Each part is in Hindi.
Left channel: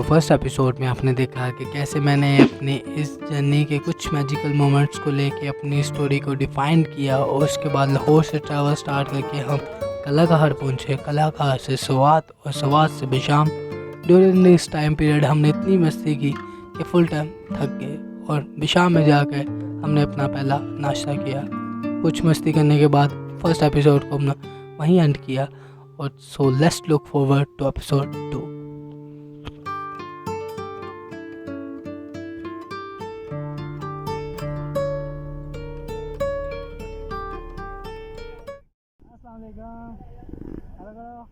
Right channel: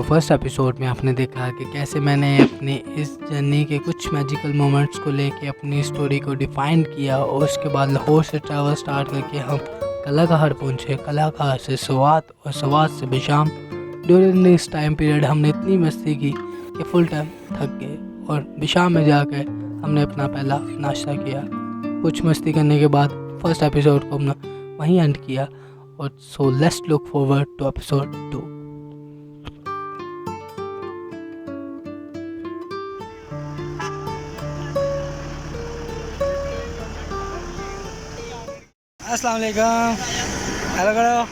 फर्स्ट एपिसोड में आपने देखा कि कैसे मैंने अपनी इस जर्नी के कुछ मैजिकल मोमेंट्स को लेके अपनी स्टोरी को डिफाइन किया और उसके बाद लाहौर से ट्रैवल स्टार्ट करके हम कलाकार पहुँचे, कलाकार से स्वात और स्वात से Besham. During this time period हमने इतनी मस्ती की कि फुल टाइम थक गए और बिशाम में जाकर हमने अपना पहला नाश्ता किया। कुछ मस्ती करने के बाद फर्स्ट एपिसोड को हमने वहीं एंड किया और so let's look forward to episode 2। अस्सलाम वालेकुम, हेलो करो,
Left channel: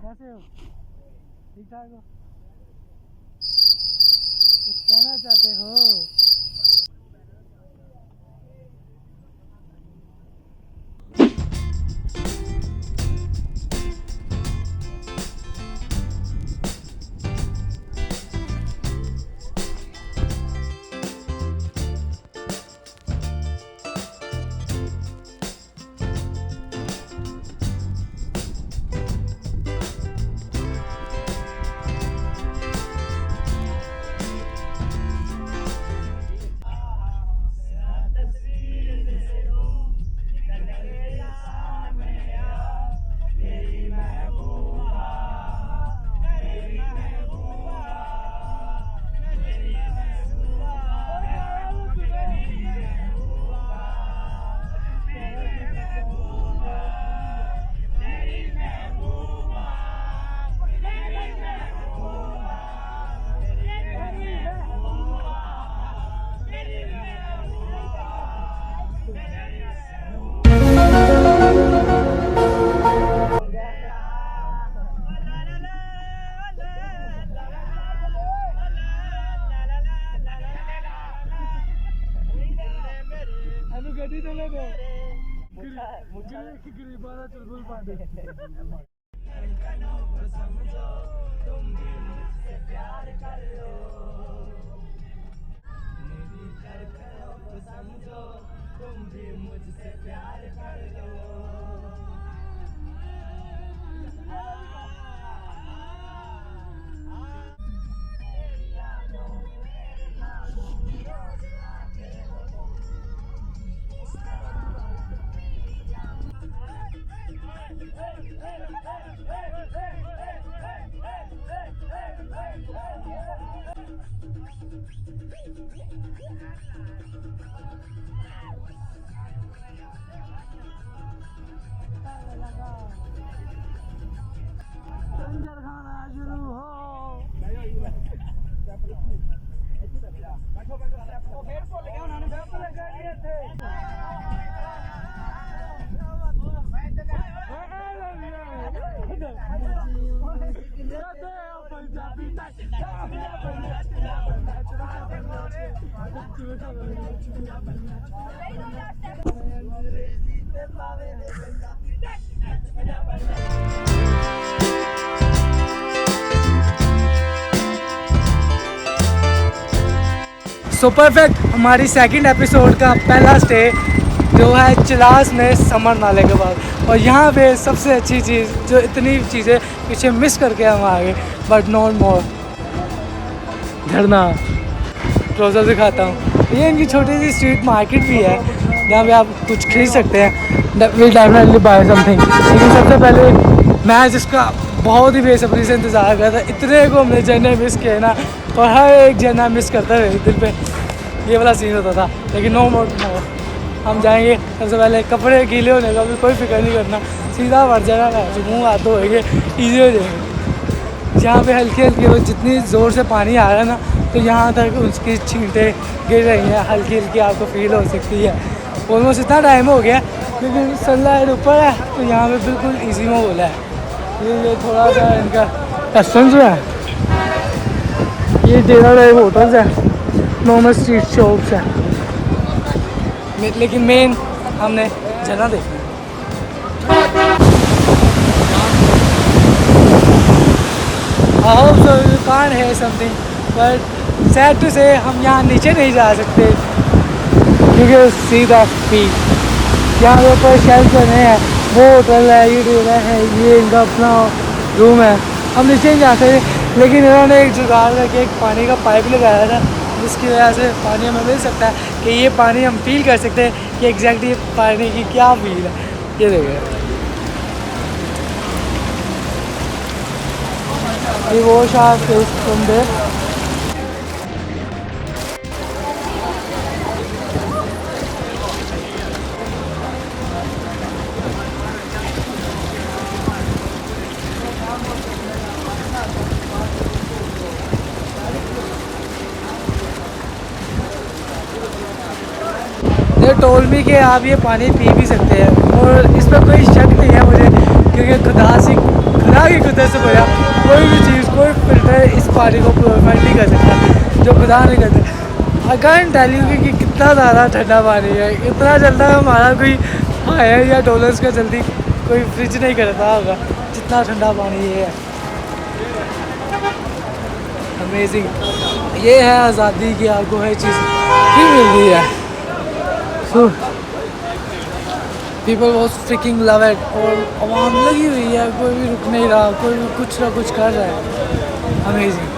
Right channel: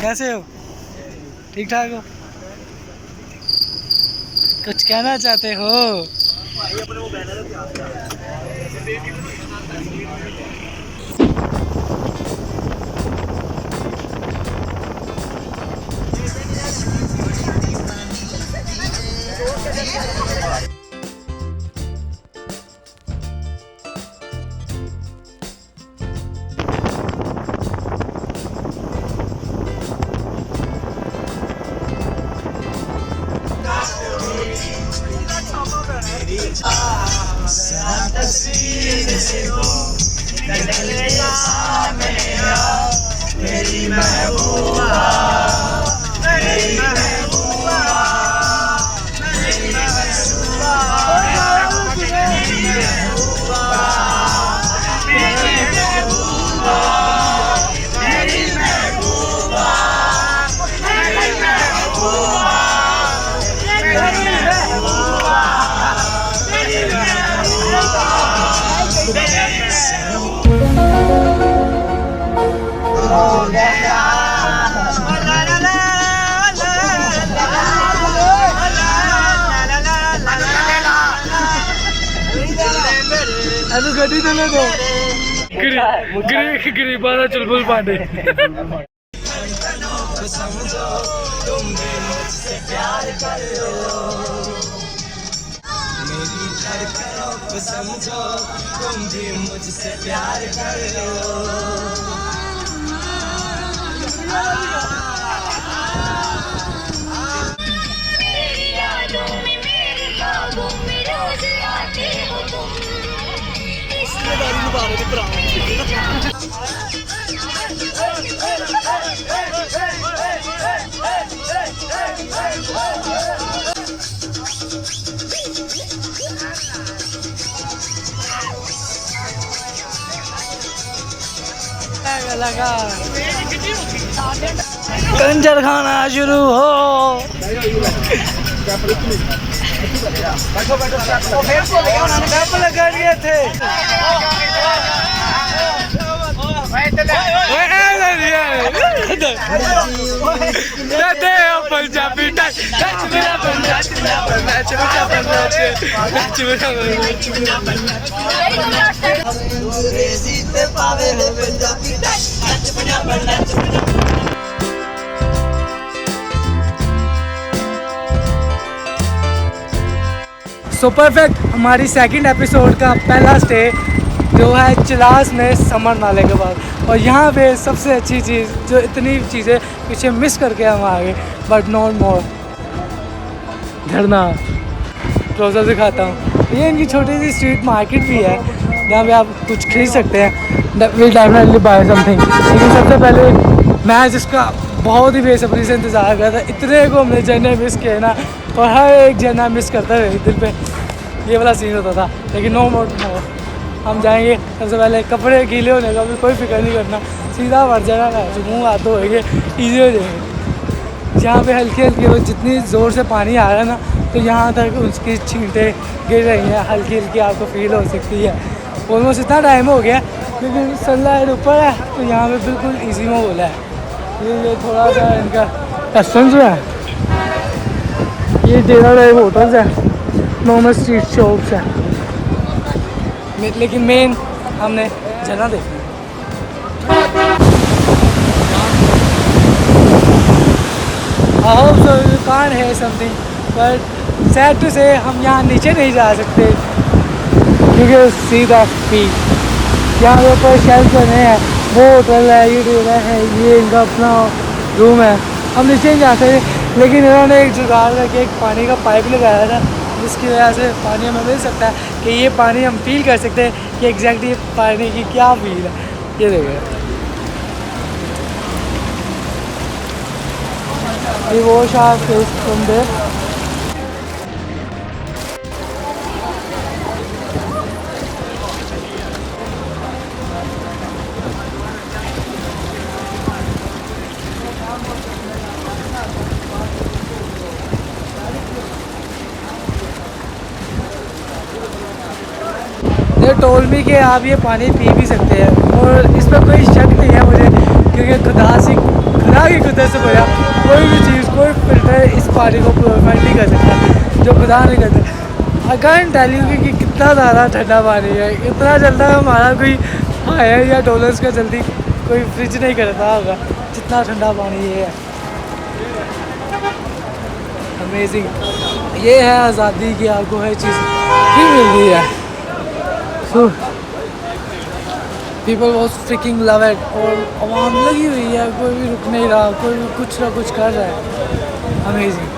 कैसे हो? ठीक ठाक हो? कुछ कहना चाहते हो? गड्डी चले दो गरीबा का चुलबुल पांडे। समझो तुम भी मुझसे प्यार कर लो। मेरी यादों में मेरे ख्वाबों में रोज आते हो तुम। इसलिए दारू निभा रहे थे पुराने। लगा कंजर खाना शुरू हो। कैप लगा दिए थे। Punjabi so perfect. हमारी सेकंड एपिसोड का पहला स्टे जो है चिलास में समर नाले के बाद, और यहाँ पे सबसे अच्छी चीज़ जो इतनी चीज़ें पीछे मिस करके हम आ गए बट नॉट मोर। झरना क्लोजर दिखाता हूँ। ये इनकी छोटी सी स्ट्रीट मार्केट भी है जहाँ पे आप कुछ खरीद सकते हैं। Will definitely buy something. लेकिन सबसे पहले मैं जिसका बहुत ही बेसब्री से इंतज़ार कर रहा था, इतने को हमने झरने मिस किए ना, और हर एक झरना मिस करता रहे दिल पे ये वाला सीन होता था। लेकिन नो मोर हम जाएंगे। सबसे पहले कपड़े गीले होने का भी कोई फिक्र नहीं करना, सीधा भर जाएगा जो मुँह हाथ धोएंगे, ईजी हो जाएंगे। जहाँ पे हल्की हल्की वो जितनी ज़ोर से पानी आ रहा है ना, तो यहाँ तक उसकी छींटें गिर रही हैं, हल्की हल्की आपको फील हो सकती है। ऑलमोस्ट इतना टाइम हो गया लेकिन सनलाइट ऊपर है तो यहाँ पे बिल्कुल ईजी माहौल है। ये थोड़ा सा इनका रेस्टोरेंट जो है, ये डेरा टाइप होटल्स है, नॉर्मल स्ट्रीट शॉप्स हैं, लेकिन मेन हमने झरना देखा। I hope so you can't hear something, but sad to say हम यहाँ नीचे नहीं जा सकते क्योंकि सीधा पीक यहाँ पे ऊपर शेल्फ बने हैं, वो होटल है, ये डेरा है, ये इनका अपना रूम है। हम नीचे नहीं जा सकते लेकिन इन्होंने एक जुगाड़ करके एक पानी का पाइप लगाया था, जिसकी वजह से पानी हमें मिल सकता है कि ये पानी हम फील कर सकते हैं कि एग्जैक्टली पानी की क्या फील है। ये देखिए, ये वो शायद तुम दे ये टोल मी कि आप ये पानी पी भी सकते हैं, और इस पर कोई शक नहीं है मुझे, क्योंकि खुदा की कुदरत से बना कोई भी चीज़, कोई फिल्टर इस पानी को प्योरीफाई नहीं कर सकता, जो खुदा नहीं करता। आई कैन टेल यू कि कितना ज़्यादा ठंडा पानी है, इतना जल्दा हमारा कोई हायर या डॉलर्स का जल्दी कोई फ्रिज नहीं करता होगा जितना ठंडा पानी ये है। अमेजिंग, ये है आज़ादी की आपको हर चीज़ भी मिल रही है। People was fricking love it, और आवाम लगी हुई है, कोई भी रुक नहीं रहा, कोई भी कुछ ना कुछ कर रहा है। अमेजिंग।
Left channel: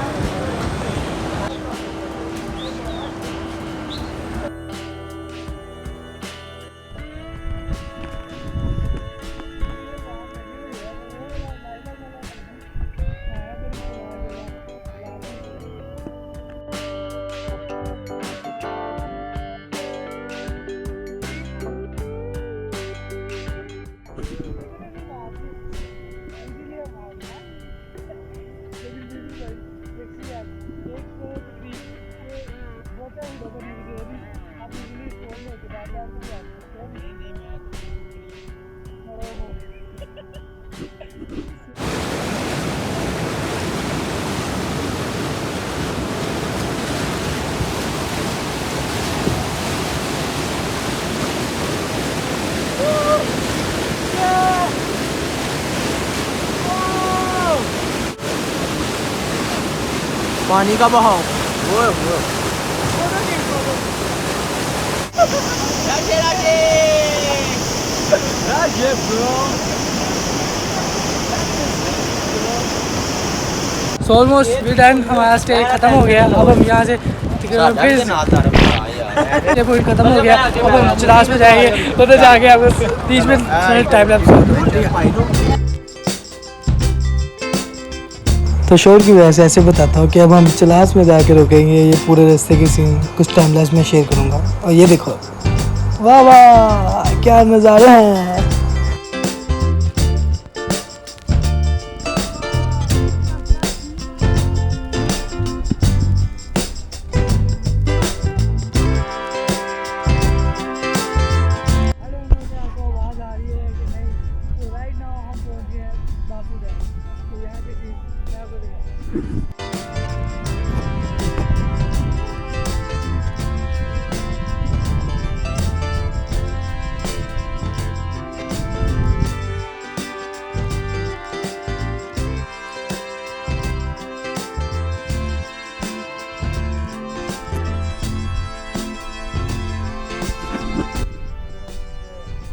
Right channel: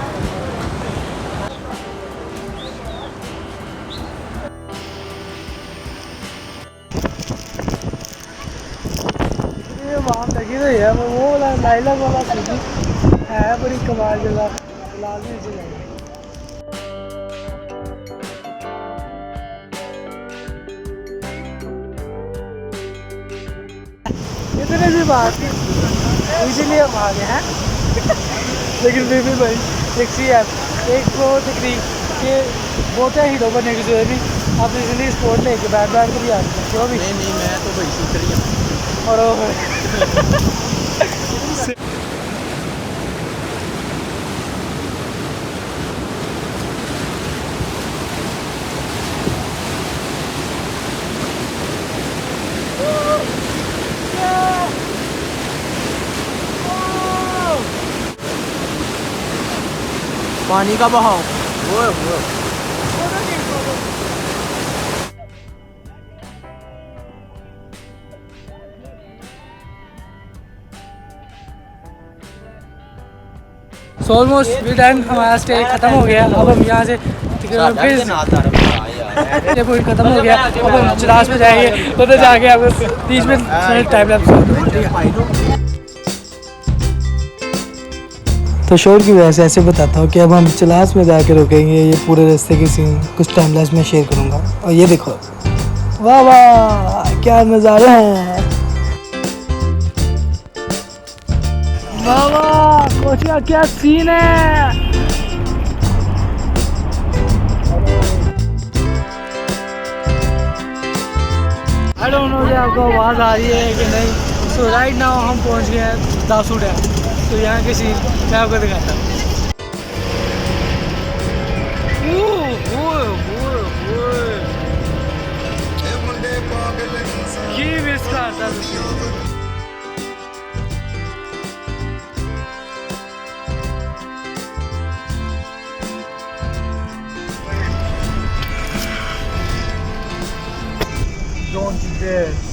ये आवाम लगी हुई है, वो वाला लाइलैक वाला है, बड़ी कमाल जगह, लाजमी जगह। इतने भी बात इजीली हम आ गए हैं लेकिन फिर भी भाई एक सी है, एक वो तकरीब के बहुत है हीरो बनने की जरूरत नहीं, आप इजीली स्पोर्ट लेके बैठ कर भी आ सकते हैं। जो भी नहीं मैं तो भाई शूटर ही हूँ। और पानी का बहाव वो ऑलमोस्ट वी डन, हमारा स्टे खत्म हो गया। अब हम यहाँ से फिर पूरी खत्म हो गया। अब हम चिरास में जाएंगे, उधर जाके अब बीच में टाइम लैप्स ठीक है। तो शोर की वजह से ऐसे बताता हूँ कि अब हम चिलास में जाके रुकेंगे। ये पूरे रास्ते की सीन कुछ टाइम लैप्स में शेयर करूँगा। और ये देखो, वाह वाह क्या नज़ारे हैं, वाह वाह सोचिए क्या सीन है। आई डोंट नो कि आपको आवाज़ आ रही है कि नहीं। सो राइट नाउ हम पहुँच गए हैं दासू डैम। तो यहाँ के सीन मैं आपको दिखाता हूँ।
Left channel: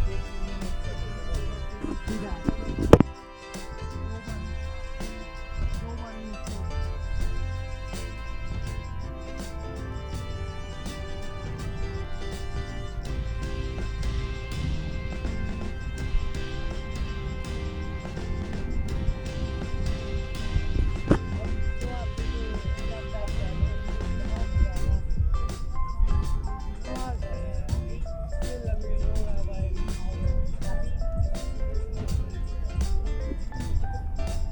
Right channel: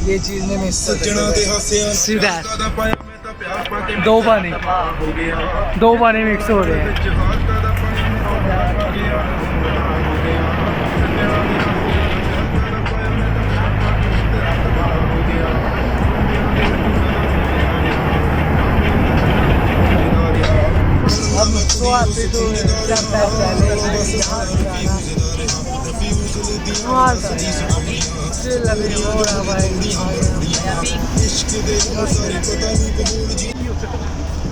ये चीज ने मिस सीधा दो पानी मिक्स हो रहे हैं। हम तो आते तो जब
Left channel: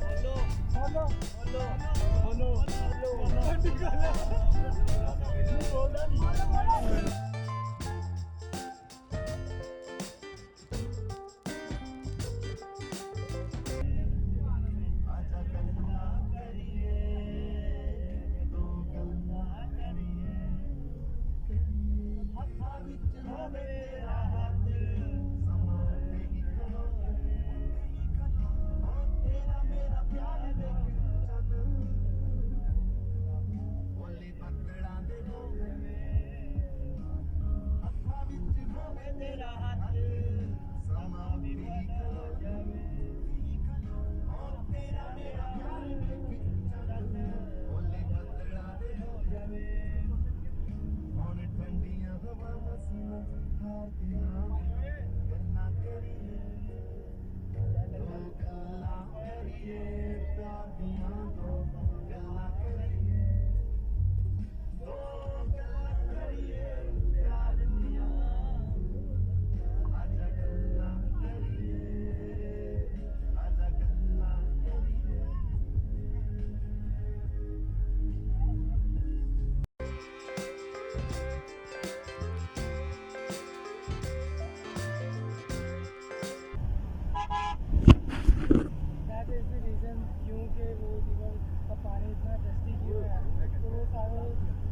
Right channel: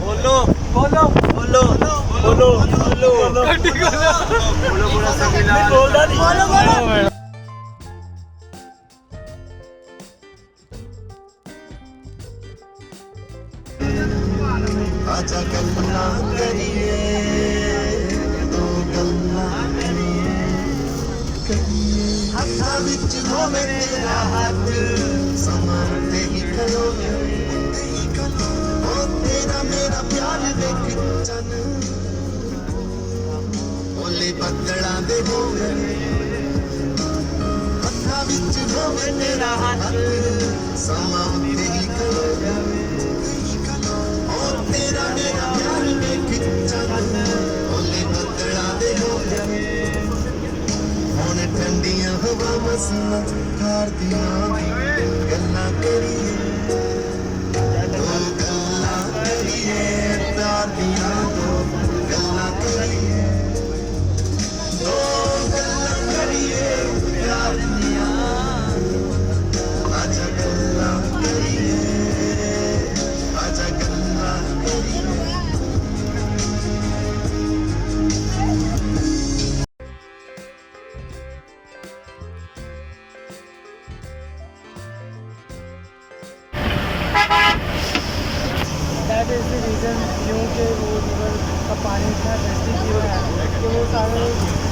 बोलो बोलो बोलो बोलो बोलो बोलो आजा गल्ला करिए दो गल्ला करिए हत्था विच होवे तेरा हाथ समाते ही खलो ओ तेरा मेरा प्यार देख चन ओले बदला दे होवे हत्था विच होवे तेरा हाथ समाते ही खलो तेरा मेरा प्यार में खिंचन मसना कार दिया गल्ला करिए दो गल्ला करिए प्यार दिया दो गल्ला करिए दो गल्ला करिए प्यार दिया आजा गल्ला करिए आजा गल्ला करिए दैट इज़ द रीज़न क्योंकि वो रिवर का पानी इतना टेस्टी क्यों है कि वो सारे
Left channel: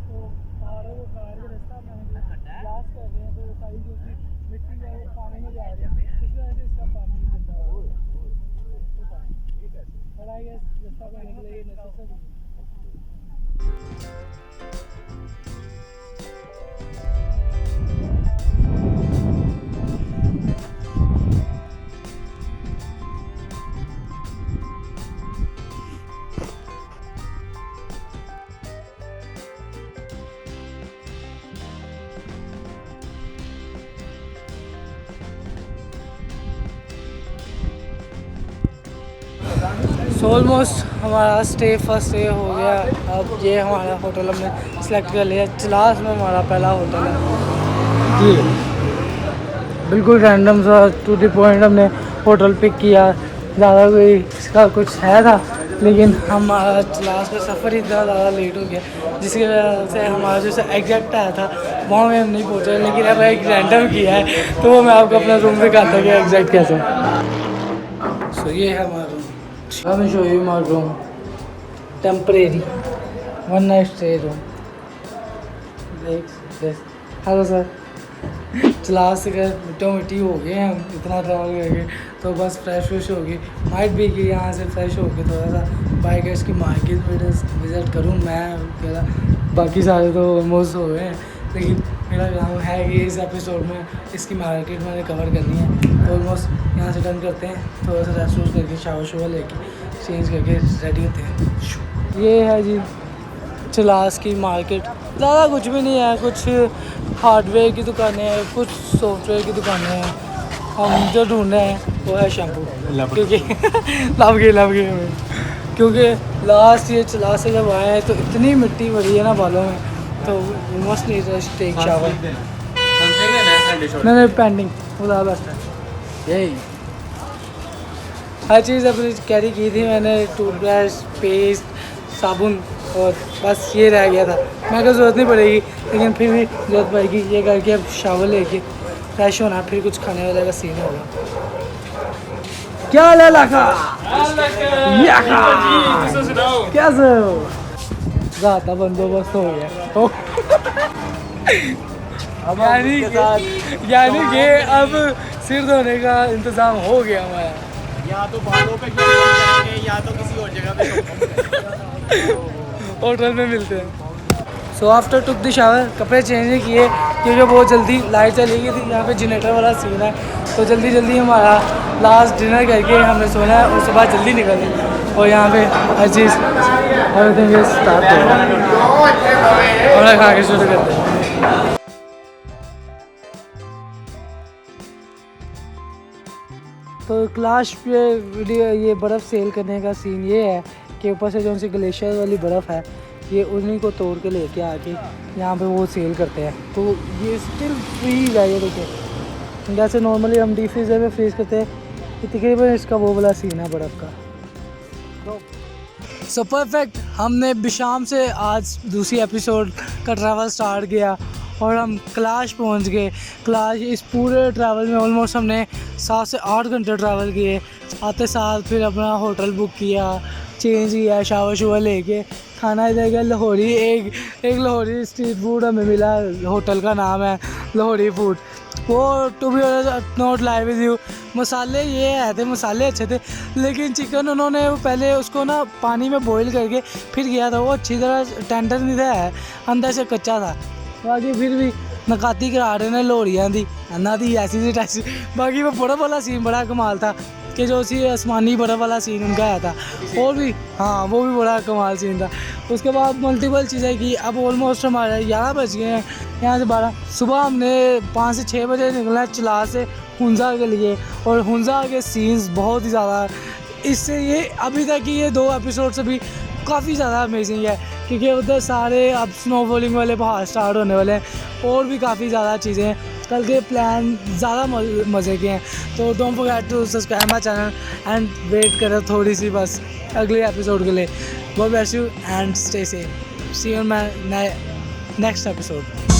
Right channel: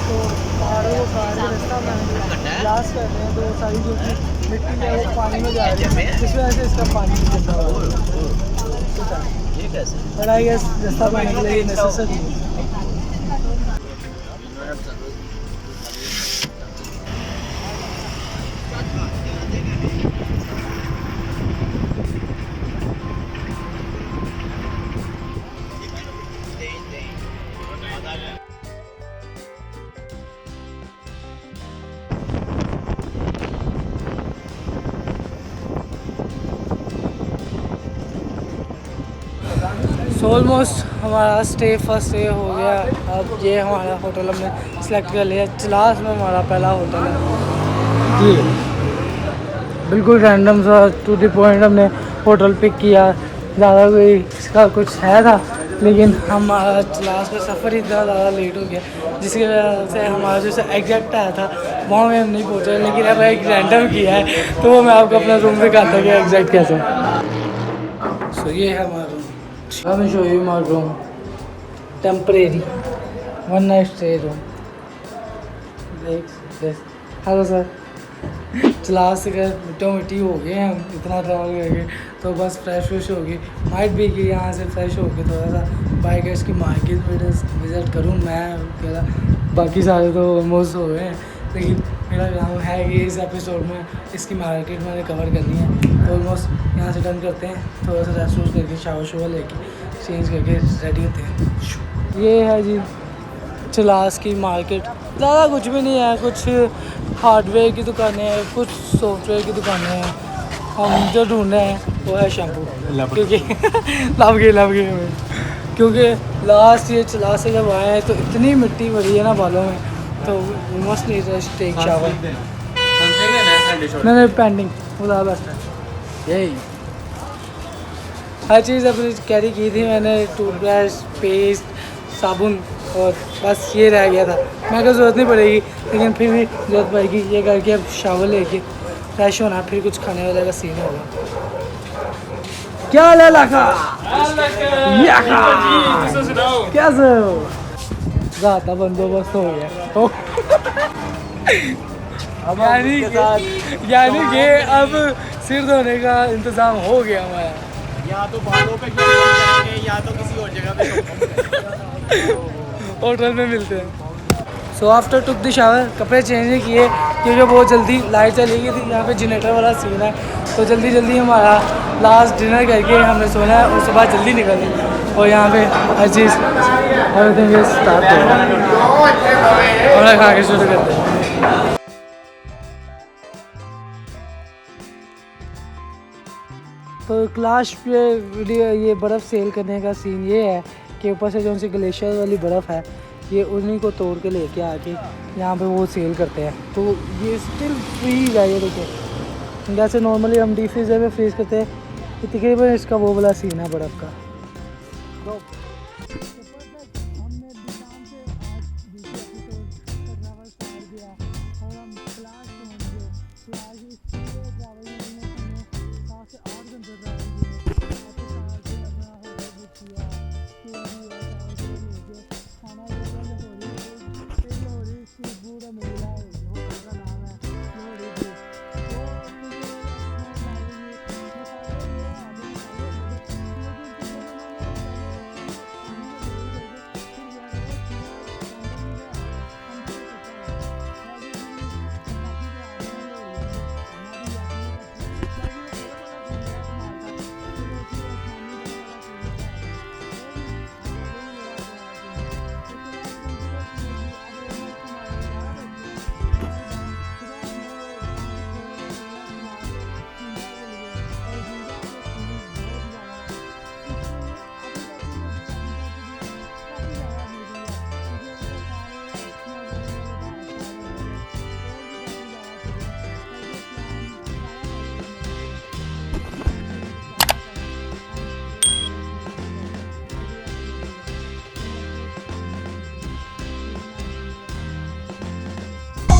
तो पहाड़ों को काट के रास्ता ब्लास्ट कर रहे हैं, तो वो सारी जो कि मिट्टी है वो पानी में जा रही है, जिस वजह से इसका पानी गंदा हो रहा है। बट आई गेस रास्ता पाने के लिए नेसेसरी है। सो ऑलमोस्ट हमारा फर्स्ट डे हो गया। अब ये हमारा होटल हमने सेलेक्ट कर लिया, चिलास में हमारा पहला होटल है जी। बिल्कुल रैंडम सा टू द पॉइंट हमने होटल पिक किया, ज़्यादा कोई इसका कुछ है था, लेकिन हमारा चिलास का सफ़र इतना ज़्यादा लेट हो गया जिसकी वजह से हमारा जो एग्जैक्ट आया था वहाँ में हम नहीं पहुँचे, लेकिन अब एक रैंडम किया है तो वो मैं आपको अपना रूम दिखाता हूँ कि एग्जैक्ट कैसे है। सो ये है हमारा room. Let me show you my room. Temporary, one night stay room. This. Hello sir. Class से मिट्टो मिट्टी हो गए हैं हम, इतना ट्रैवल करके, तो बस फ्रेश हो गई। माइट भी कि यहाँ से फ्रेश हो के थोड़ा सा बाइकर्स की मार्केट विज़िट करूँ मैं अकेला, बाकी सारे तो ऑलमोस्ट हो गए हैं, लेकिन मेरा काम है कि इस एपिसोड में इसकी मार्केट मैंने कवर करनी है, तो ऑलमोस्ट यहाँ से डन करते हैं, थोड़ा सा रेस्ट वेस्ट करके शावर लेके चेंज करके रेडी होते हैं। ये है जी चिलास की मार्केट, ज़्यादा कुछ भी नहीं है, कुछ हार्डवेयर की दुकानें हैं, कुछ सॉफ्टवेयर की दुकानें हैं। हम जो ढूंढ रहे हैं वो है शैम्पू, क्योंकि लव गए हमें, क्योंकि लास्ट ये चिलास से जब आए हैं तो इतनी मिट्टी भरी है ना बालों में, तो must need to take shower. नहीं पेंडिंग खुदा बस यही हर चीज़ अपनी कैरी की थी मैंने, टूथब्रश, पेस्ट, साबुन, और बस ये रह गया था। मैं को ज़रूरत नहीं पड़ेगी, लेकिन फिर भी ज़रूरत पड़ेगी। ये करके अब शावर लेके फ्रेश होना, फिर कुछ खाने वाले का सीन होगा। क्या हाल है लाखा? कैसे हो? ज़्यादा बंदोबस्त हो गया। यानी कि अब सिर धोने का इंतज़ाम हो गया हमारा। या तो बालों पे करेंगे या तो किसी और जगह पे होटल में मिलते हैं। So after took the shower, कपड़े चेंज नहीं किए क्योंकि बहुत जल्दी लाइट चली गई थी, यहाँ पे जनरेटर वाला सीन है, तो जल्दी हमारा लास्ट डिनर करके हमें सोना है और सुबह जल्दी निकलना, और यहाँ पे हर चीज़ एवरीथिंग इज स्टार्ट और खा के शुरू करते हैं। तो क्लास पे वीडियो ये बर्फ़ सेल करने का सीन ये है कि ऊपर से जो उनसे ग्लेशियर वाली बर्फ़ है, ये उन्हीं को तोड़ के लेके आके यहाँ पे वो सेल करते हैं, तो ये स्टिल फ्रीज है। ये देखिए, जैसे नॉर्मली हम डी फ्रीज़र में फ्रीज़ करते हैं, तकरीबन इसका वो वाला सीन है बर्फ़ का। सो परफेक्ट, हमने बिशाम से आज दूसरी एपिसोड का ट्रैवल स्टार्ट किया और हम क्लाश पहुंच गए। क्लाश इस पूरे ट्रैवल में ऑलमोस्ट हमने 7 से 8 घंटे ट्रैवल किए। आते साथ फिर अपना होटल बुक किया, चेंज किया, शावर लेके खाना इधर गया लाहौरी। एक लाहौरी स्ट्रीट फूड हमें मिला, होटल का नाम है लाहौरी फूड। वो to be not live with you, मसाले ये है थे, मसाले अच्छे थे, लेकिन चिकन उन्होंने पहले उसको ना पानी में बॉईल करके फिर किया था, वो अच्छी तरह टेंडर नहीं था, अंदर से कच्चा था। बाकी फिर भी नकाती करा रहे ने लोहड़ियाँ दी अन्ना दी ऐसी सी टैसी। बाकी वो बर्फ़ वाला सीन बड़ा कमाल था कि जो उसी आसमानी बर्फ़ वाला सीन उनका आया था, और भी हाँ वो भी बड़ा कमाल सीन था। उसके बाद मल्टीपल चीज़ें की। अब ऑलमोस्ट हमारे 11 बज गए हैं, यहाँ से 12 सुबह हमने 5 से 6 बजे निकला है चिला से हुंजा के लिए, और हुंजा के सीन्स बहुत ही ज़्यादा, इससे ये अभी तक की ये 2 एपिसोड से भी काफ़ी ज़्यादा अमेजिंग है, क्योंकि उधर सारे अब स्नोफॉलिंग वाले पहाड़ स्टार्ट होने वाले हैं और भी काफ़ी ज़्यादा चीज़ें हैं। कल के प्लान ज़्यादा मज़े के हैं, तो don't forget to subscribe my channel and wait करो थोड़ी सी बस अगले एपिसोड के लिए। God bless you and stay safe, see you in my next episode.